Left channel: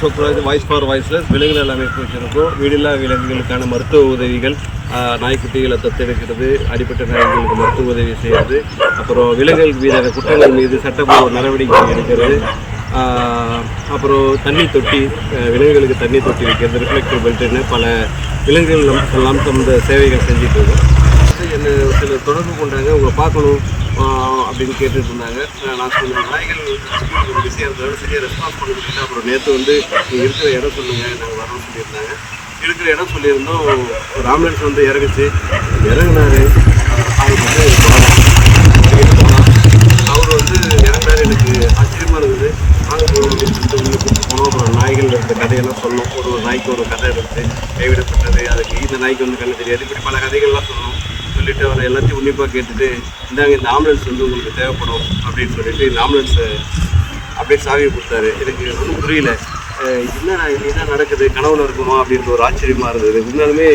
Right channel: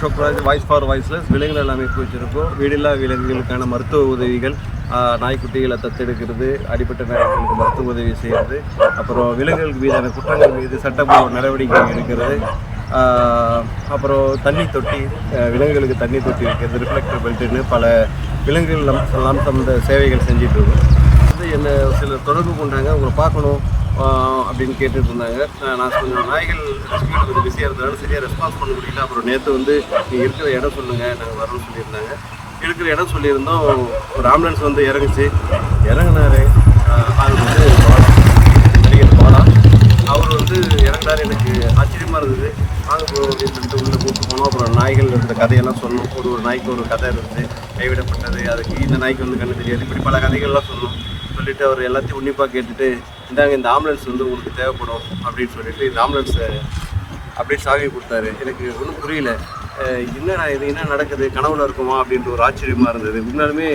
Ashokraj voice for voiceless விலங்குகள் அமைப்பு வச்சுருக்கோம். வீடில்லா விலங்குகளுக்கான மருத்துவ உதவிகள், நாய்க்குட்டிகளை தத்தெடுக்கிறது, அடிப்பட்ட நாய்களுக்கு மருத்துவ உதவி செய்கிறது, அப்புறம் விலங்குகளுக்கு மீதான குற்றங்கள் மீது சட்டப்பூர்வ நடவடிக்கை எடுக்கிறது, அப்புறம் தண்ணி தொட்டி, விலங்குகளுக்கு தண்ணி தொட்டி வைக்கிறது, ரிஃப்ளெக்டர் பெல்ட்டுன்னு பல விலங்குகள் எல்லாம் தந்த சேவைகள் செஞ்சுட்டு இருக்கோம். என்னை சிலர் தொடர்பு கொண்டாங்க, உங்களை பார்க்கணும் அப்படின்னு கேட்டுட்டு இருந்தாங்க. நான் கொஞ்சம் நாய்கள் ஒரு பிஸியாக இருந்தனால சரியாக ரெஸ்பான்ஸ் பண்ண முடியல. அப்புறம் நேற்று நீங்கள் இருக்கிற இடம் சொல்லுங்கள், நாங்கள் வரோம்னு சொல்லியிருந்தாங்க. இருக்கிற இடம் சொல்லியிருந்தோம். ஒரு ஆம்புலன்ஸ் இறங்குச்சு. இறங்கினார். அவர் இறங்கினார். எனக்கு ஆச்சரியமாக இருந்தது. நாங்கள் அப்படின்னு சொல்லிட்டு உள்ளே கூப்பிட்டு போனோம். அப்புறம் நாய்கள் இருந்த கதையெல்லாம் சொன்னோம். ஒரு நாய்க்கு ஒரு கதை இருந்துச்சு, கைவிடப்பட்டது, அதுக்கு இந்த நாய்க்கு கண்ணு தெரியாது, இப்படி பல கதைகள்லாம் சொன்னோம். சொல்லிவிட்டு அவர் எல்லாத்தையும் உன்னிப்பாக கேட்டுட்டு, இந்தாங்க இந்த ஆம்புலன்ஸ் உங்களுக்கு தேவைப்படும் அப்படின்னு சொல்லிட்டு இந்த ஆம்புலன்ஸை அப்படியே சாவி கொடுத்தாரு. எனக்கு ஒன்றும் புரியல. என்னடா இது, என்ன நடக்குது, கனவுல இருக்குமா அப்படின்ற ஒரு ஆச்சரியமாக இருந்தது உண்மையாலுமே.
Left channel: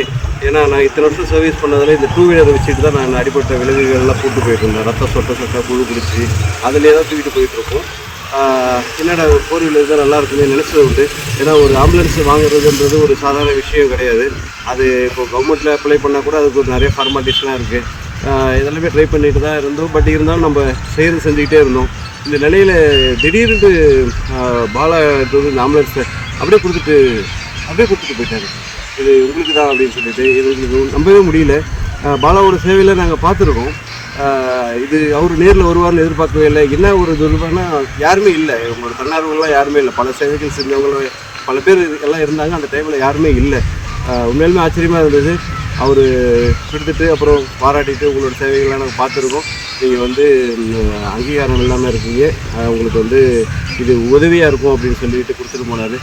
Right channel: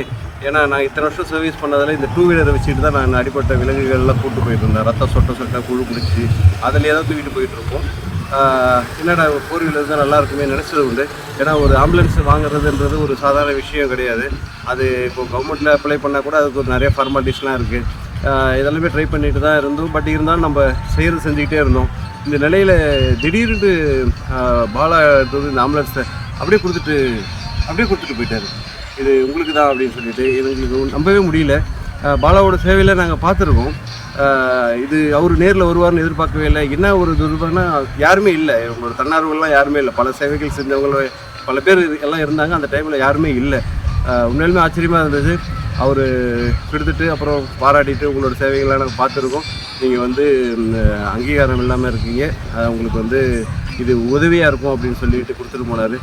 ஏன்னா நான் இத்தனை வருஷம் சர்வீஸ் பண்ணதில் இந்த 2 வீலரை வச்சுட்டு தான் நான் அடிப்பட்ட விலங்குகள்லாம் கூட்டு போயிட்டு இருந்தேன். ரத்தம் சொட்ட புழு பிடிச்சி அதிலே தான் தூக்கிட்டு போயிட்டுருக்கோம். என்னடா 4 வீலர் தான் நல்லா இருக்குமே நினச்சது உண்டு. ஏன்னா ஒரு ஆம்புலன்ஸ் வாங்குறதுன்றது ஒரு சாதாரண விஷயம் கிடையாது. அது இப்போது கவர்மெண்ட்டில் அப்ளை பண்ணால் கூட அதுக்கு ஒரு நிறைய ஃபார்மாலிட்டிஸ்லாம் இருக்குது. இதெல்லாமே ட்ரை பண்ணிட்டு தான் இருந்தோம். பட் இருந்தாலும் நம்ம செஞ்சுக்கிட்டே இருந்தோம். இந்த நிலையில் திடீர்னு பாலா இந்த ஆம்புலன்ஸை அப்படியே கொடுத்துட்டு போயிட்டார். இது உங்களுக்கு தான் அப்படின்னு சொல்லிட்டு எங்களுக்கு நம்பவே முடியல. பாலாவோட சேவையில் நாங்கள் பார்த்துருக்கோம். இது அவர் நேரில் வருவார்னு எதிர்பார்க்கவே இல்லை. என்ன ஒரு துர்பானா யாருமே இல்லை, உங்களோட தன்னார்வங்கள்லாம் யாருமே இல்லை. பல சேவைகள் செஞ்சவங்க பல பேர் எல்லாம் இருந்தாங்க. அந்த டைமில் யாருமே இல்லை. உண்மையிலுமே ஆச்சரியமாக இருந்தது. அவர் கொடுத்துட்டு அப்புறம் பாராட்டிட்டு, உங்களோட சேவைகள்லாம் நாங்கள் பார்த்துருக்கோம், நீங்கள் அங்கீகாரம் இல்லாமல் இருக்கீங்க, உங்களுக்கு இது உதவியாக இருக்கும் அப்படின்னு சொல்லிட்டு கொடுத்துட்டு போனார்.